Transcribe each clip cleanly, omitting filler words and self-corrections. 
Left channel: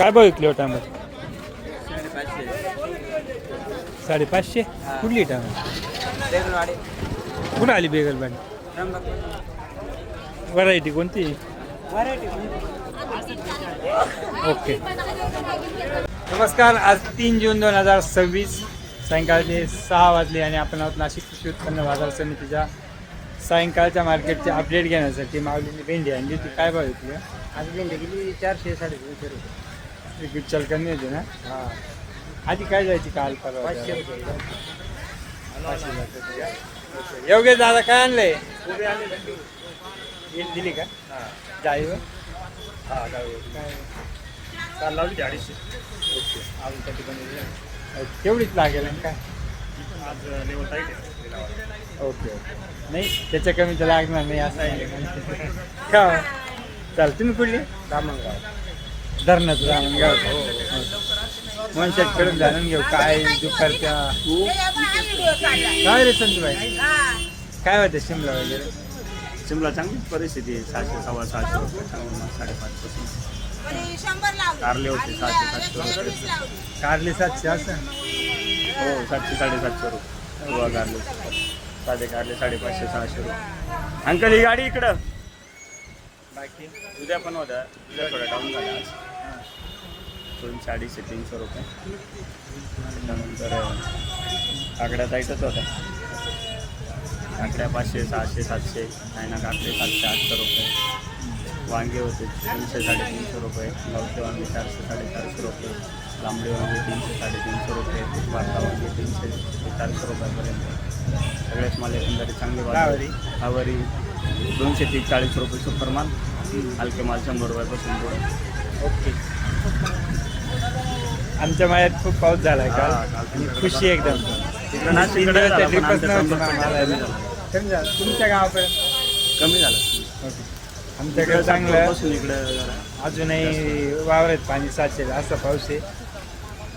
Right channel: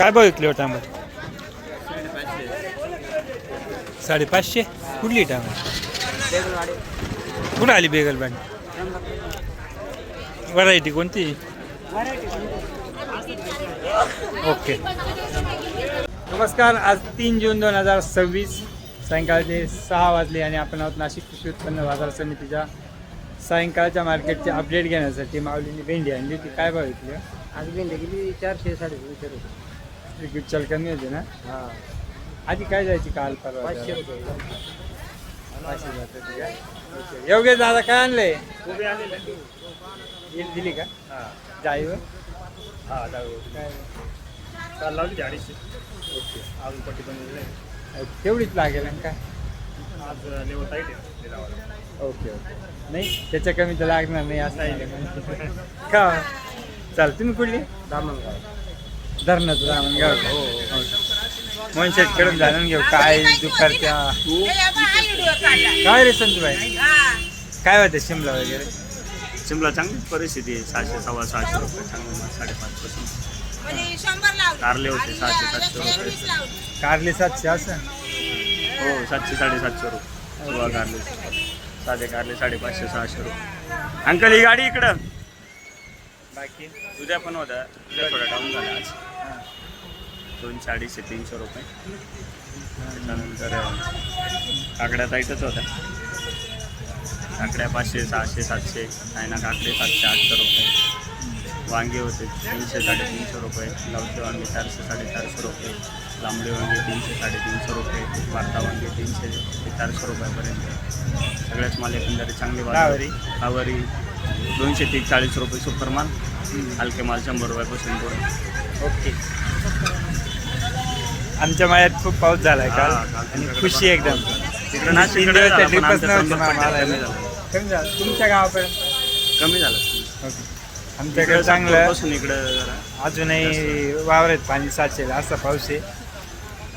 काय भाव विकले हो टमाटे? 550. कुठली टमाटे? कुठं आली बेगलबांड? व्हरायटी कोणती? ओके. नमस्कार. आज 3 जून 2026 सायंकाळचे 6 वाजले आणि आपण आहोत नाशिक कृषी उत्पन्न बाजार समितीच्या सायंकाळच्या मार्केटचे अपडेट घेण्यासाठी माऊलीने भेंडी आणली. ती काय भाव येते? आज भेंडी गेली 400-350 रुपये. गुच्चल कमी होते ना? हां, आधी काय जायची काल परवा? 500 रुपये. 500 जाते का? ओके. योगेश दादा काय आणलंय? उभे आले दिली का? हां जाईवर हां जाऊ काय? काल लावली 250. ओके. अजून पट्टी बनवली तेवढीच लागेल आणि काय? आज लेवल टाईट आहे लिलावाला. Okay okay. नाही त्याच्या कमी तर लागणार नाही असं आहे का? चाल. तुम्ही कुठली? दामणगाव. धरणाचं रामनगाव. मनशेट खेळून जाणून घेऊ काय दुपारच्या. काय रे संतूबाई, काय होते शिमला वगैरे? शिमला चांगली परिस्थिती आहे. 600-650 रुपये चांगली माल 5.5 पासून. कारले होते 600-700 रुपये. कारली 700 असं? हो 700-750 रुपये. गोवा कारले साधे कारले 550-600 रुपये. अंकल ही गाडी इकडं. बाकी उद्या पण होता. उद्या थोडा डाऊन झाला आज. 200-300 रुपये. त्याच्यानंतर काकड्या टाईटच होत्या. काकड्या 500-600-700. चायना काकडे 700-800 रुपये. वांगे होते 300-350 रुपये. गावचे वांगे 400-450 रुपये. लांबडे वांगे 300-350 रुपये. वार्ता वांगे 300-400 रुपयापर्यंत. सगळ्याच माल एकंदरीत चांगले बाजारी. आवरी 240 रुपये सुपर माल. हलके माल 100 रुपयापासून पुढे. ओके. आमच्या मायात खूप पाऊस झालाय काल आणि खुशी एकदम. तिकडे नाशिककडे झाला, पण आमच्या कमी झालं तुमच्या गावापर्यंत? कमी झालं. ओके. आमच्याकडे चांगलं पासून इकडे जरा अजूनही वावरात पाणी साचेल असा पाऊस आहे.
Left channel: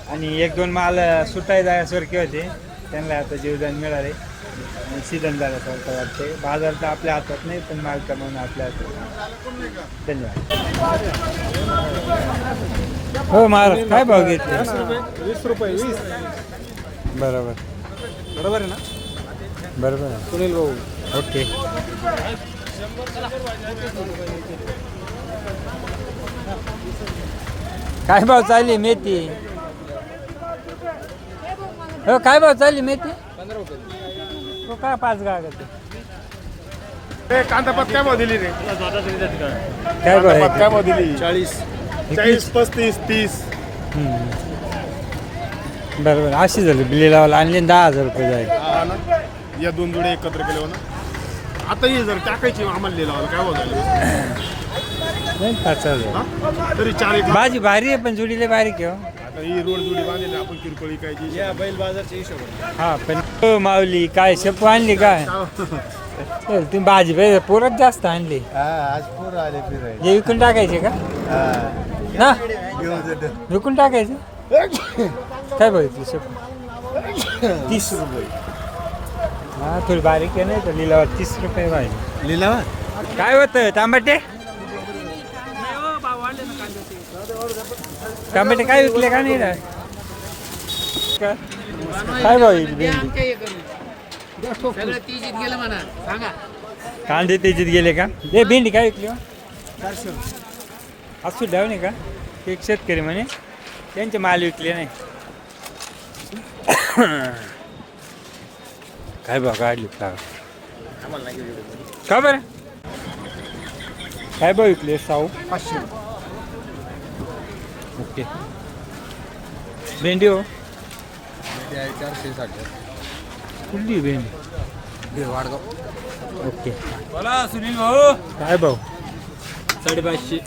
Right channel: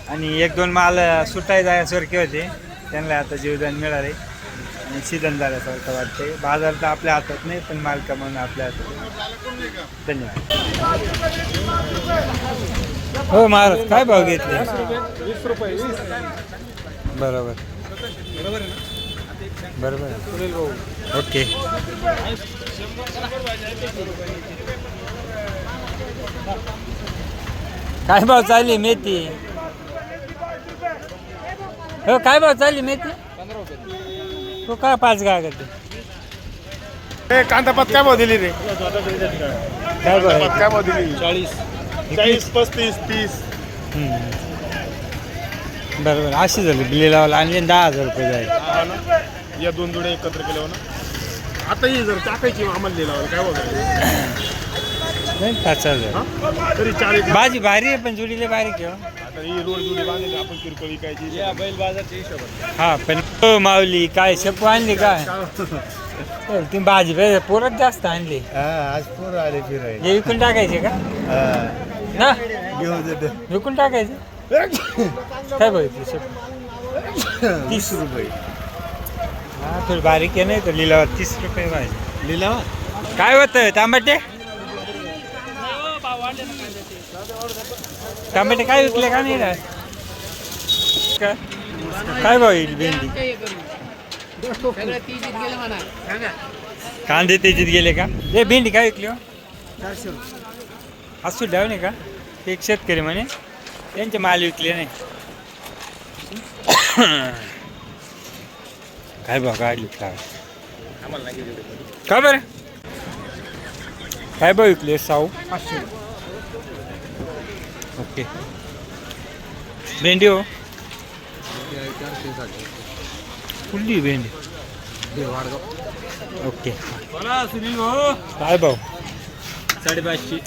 आणि 1-2 माल सुटाय जाण्यासारखे होते, त्यांना आता जीवदान मिळाले आणि सीझन झाल्यासारखं वाटते. बाजार तर आपल्या हातात नाही, पण माल कमावणं आपल्या हातात. धन्यवाद. हो महाराज, काय भाव घेतले? 20 रुपये. 20 बरोबर बरोबर आहे ना? बरोबर आहे. सुनील भाऊ. ओके. काय भाव चालली मेथी? हो काय भाव चालली मेथी? 15 रुपये. तो काय 5 गाय करते? कांदा पात काय भाव दिली रे? काय भाव आहे? काय भाव दिली? 40, 35, 30. बरोबर. अशी झाली बिल्ली लावायला आणि 10,000 रुपये जाईल. या 2 जोडे एकत्र केले ना. आता ही जर टाकायची आम्हाला लिहिला काय भाव झाला? नाही 5,000. तरी 40. भाजी भारी आहे पण जुडीले बारीक आहे. आता ही रोड जोडी बांधली आपण किरकोळी काय बैल बाजारचे हिशोब. हा पण हो माऊली, काय शेपू आणली काय? तुम्ही भाजी पाहिजे पोरच जास्त आणली. आज पूर आले फिरायला. हे विकून टाकायचे का ना? विकून टाकायचे. काय बघितलं शेपू? 30 रुपये. हा थोडी बारीक आहे नाही तर लिलावा 30 रुपये पाहिजे. लिहिला काय होतं तांबटे? तांबटे काय विकले का नाही? काय भाव येईल भेंडी? कांदे तेजीत गेले का? हे भेंडी काय विकली? 400. असू द्याव नाही का? एक शेतकरी म्हणे त्यांचे माल विकले नाही. काय भाव काढले का बरं? काय भाव विकले? 500. ओके. भेंडी हो? 400. कुठली भेंडी? वाडगाव. ओके. सुनील भाऊ काय भाव? 550.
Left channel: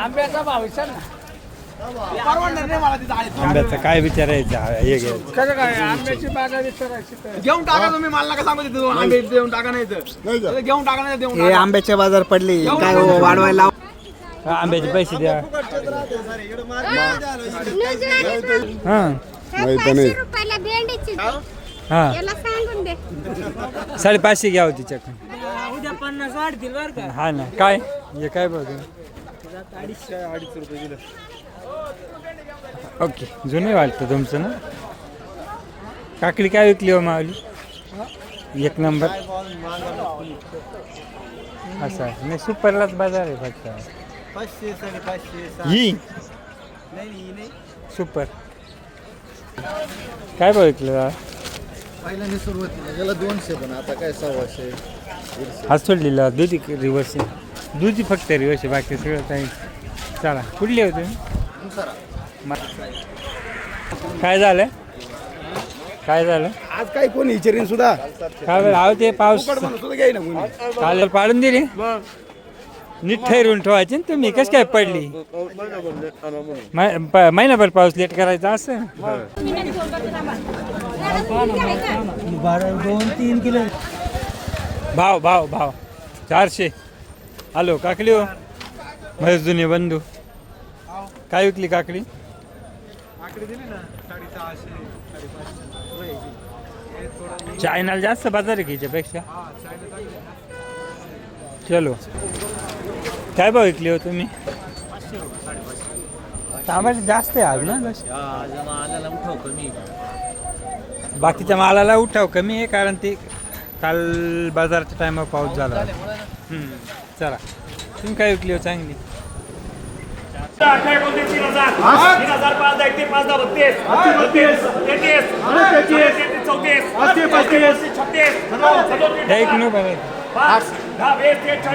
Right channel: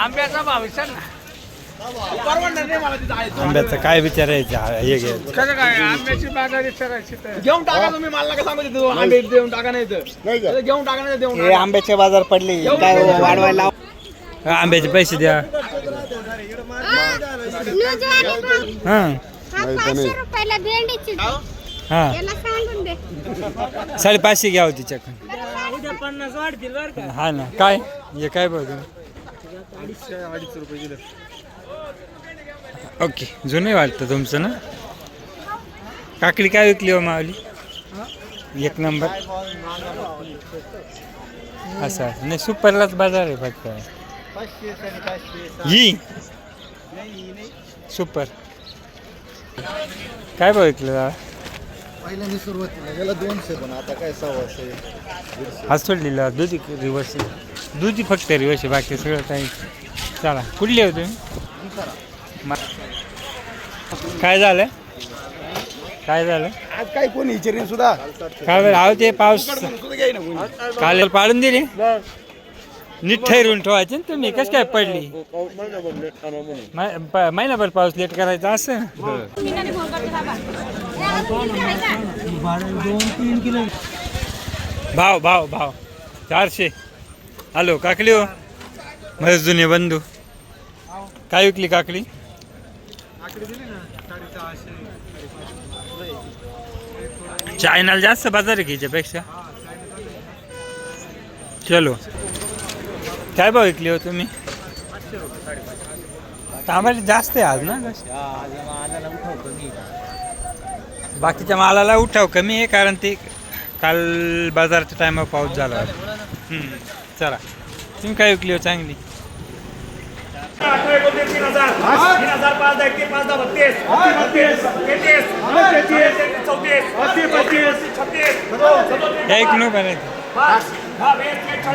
आंब्याचा भाव विचार ना. आंब्याचं काय विचारायचं? हे घ्यायचं कसं काय आंब्याची बागा विचारायची घेऊन टाका तुम्ही. मला का सांगू देतो आंबे देऊन टाका नाही तर घेऊन टाका नाही देऊन टाका. आंब्याचे बाजार पडले काय वाढवायला? आंब्याचे पैसे द्या. हां 550 घ्या हो तिच्याकडून. उद्या 50 वाढतील बरं का. हा ना. काय हे काय बघ तुम्ही? अडीच रुपये किलो. ओके, जुने वाटतं तुमचं ना. काकडी काय विकली हो मावली? एक नंबर. असं आहे. नाही, सुपरलाच बाजार आहे फक्त. 500 550. ही नाही सुपर काय भाव विकलं दादा? पहिल्यांदा सुरुवातीला गेला 200, पण आता काय 100 150. हा सोडलेला दुधी रिवर्स दुधी फक्त रिवर्स आहे, बाकी सगळं काही. चला, कुठली होते काय झालं? काय झालं आज काय कोणी विचारेन सुद्धा. काय बरं? आहो ते पाऊस सुद्धा घ्याय ना कोणी. काल पाडून दिली. नीट ठरवून ठेवायचे ना तुम्ही. कसं काय पडली? महिनाभर पाऊस लेट करायचा असं. 2-3 किलो. भाव भाव भाव 400. हॅलो काकडी हो, माझे जुने बंधू. काय विकली काकडी? चायनाला जास्त बाजार आहे की याच्यापेक्षा. चलो, काय भाव विकली हो तुम्ही? टमाटे जास्त आहे आज ना. बाकीच्या मालाला उठाव कमी आहे, कारण ते काल बाजारच्या टायमावर पाऊस झाला होता. चला, तुम्ही काय विकली हो चांगली? 38 या एक नो बनायचं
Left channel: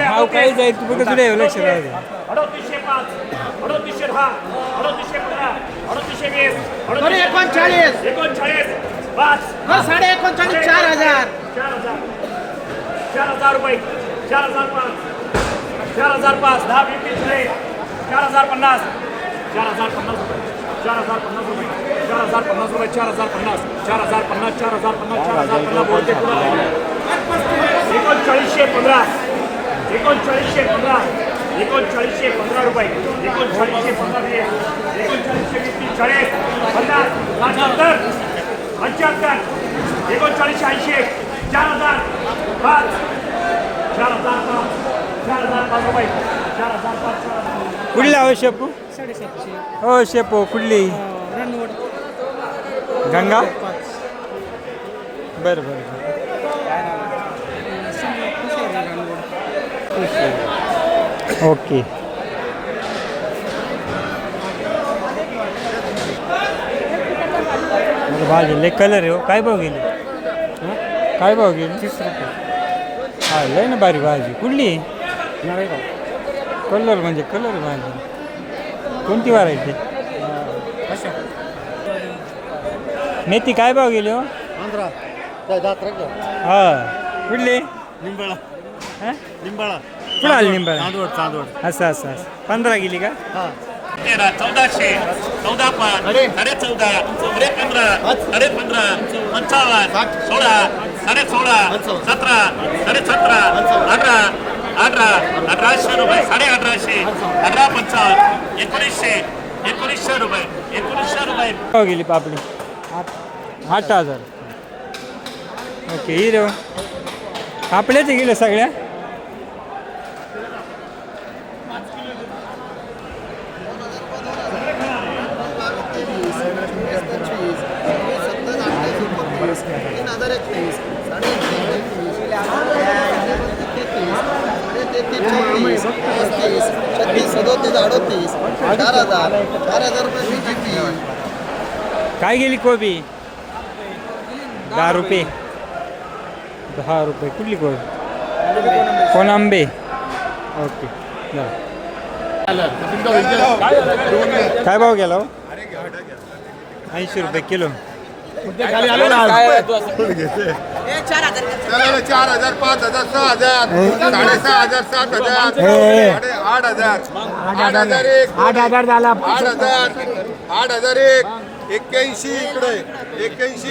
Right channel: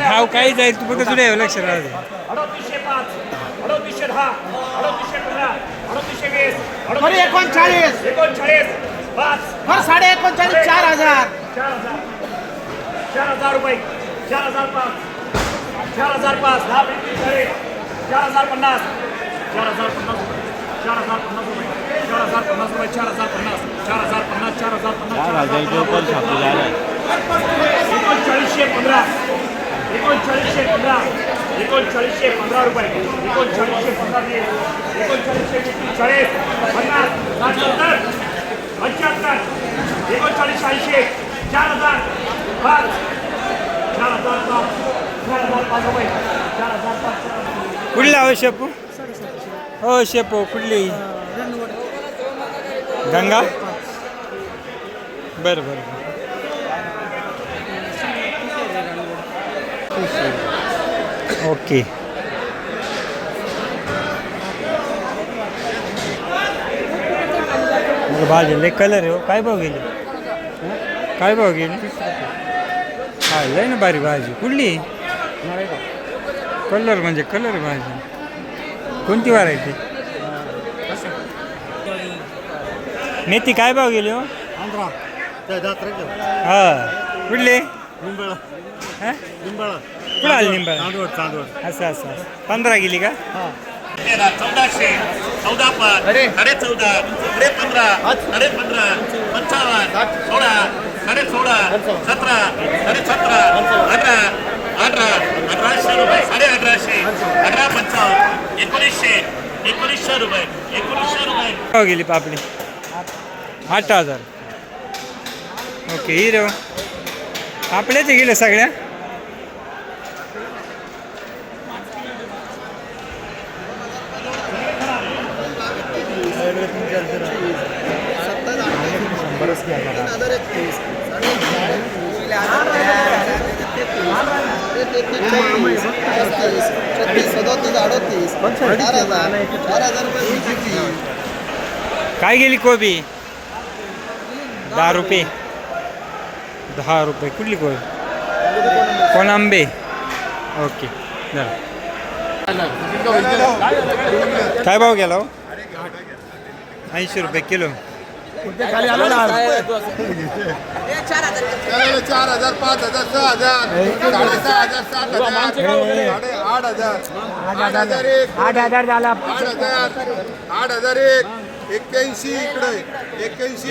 भाव काही जाईल तू बघा, तुला लक्ष राहू दे. 4,000 रुपये. 4,005. 4,005. 4,050. 4,050 रुपये. 4,050 रुपये. 4,050 रुपये. 4,050. 4,050. 4,050. 4,050 बोलते. 3915. 3915. 3915 रुपये. 3915. 3940. 50. 70. 75. 3980. 4,000. 5. 4,005. 4,005 रुपये. 4,005. कुठला हो शेपू? हो शेपू कुठली? गंगा. बरं बरं बरं. ओके. भाजी कलर आहे हो. काय भाव गेली? काय भाव गेली? 30 रुपये. हा लय ना बारी भाजी. कुठली? कलर म्हणजे कलर भाजी. कोणती व्हरायटी? मेथी काय भाव गेली हो? 15. हा कुठली? लिंबाळा. हां लिंबाळा. कुठं आली निंबा? चांदवड. असं असं असं. 15 गेली का? 1400. 14,5. 14,5. 15. 15. 55. 16. 16.5. 17. 17.5. 18. 1800 रुपये. 1850. 1855. 1900. 1900 रुपये. 1900 रुपये. भाव गेली पापडी? 8,000. ओके. हिरो पापड्याचे गेले सगळ्या. काय गेली कोबी? 10 रुपये. 10 रुपये. कुठली कोबी? कोण आंबे. ओके. काय भाव गेला हो? 80 रुपये किलो. 4,000, 5,000, 6,000, 6,500, 7,000, 8,000, 8,000 एक, 8,000 झाला. 8,000, 81, इकडे 81.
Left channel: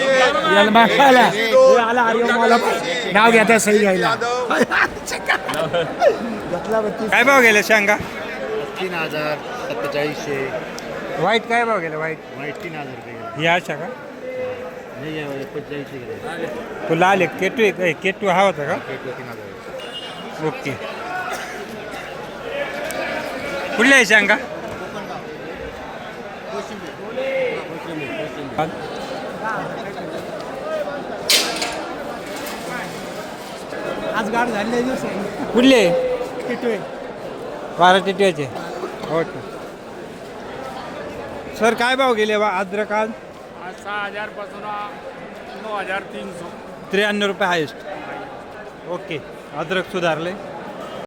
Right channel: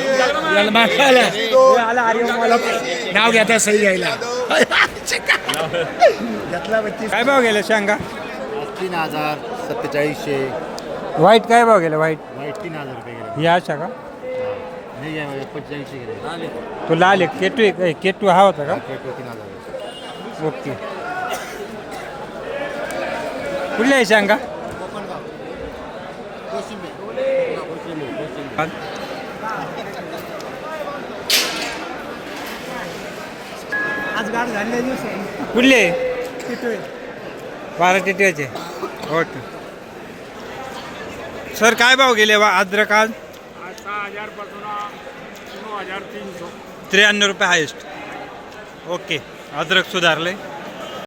नाव घ्या सही घ्यायला. काय भाव गेला शेंगा? 3,000, 4700. व्हाईट काय भाव गेला? व्हाईट 3,000 रुपये. या अशा का? नाही 4500. तो लाल एक केटू आहे. केटू हा होता का? ओके. कुठल्या आहे शेंगा आज गाड झाली कुठले 12 टिटव्याचे ओके सर काय भाव गेले बा अद्रक आज 6,000 पासून 9,300 93 रुपये हायेस्ट ओके अद्रक सुधारले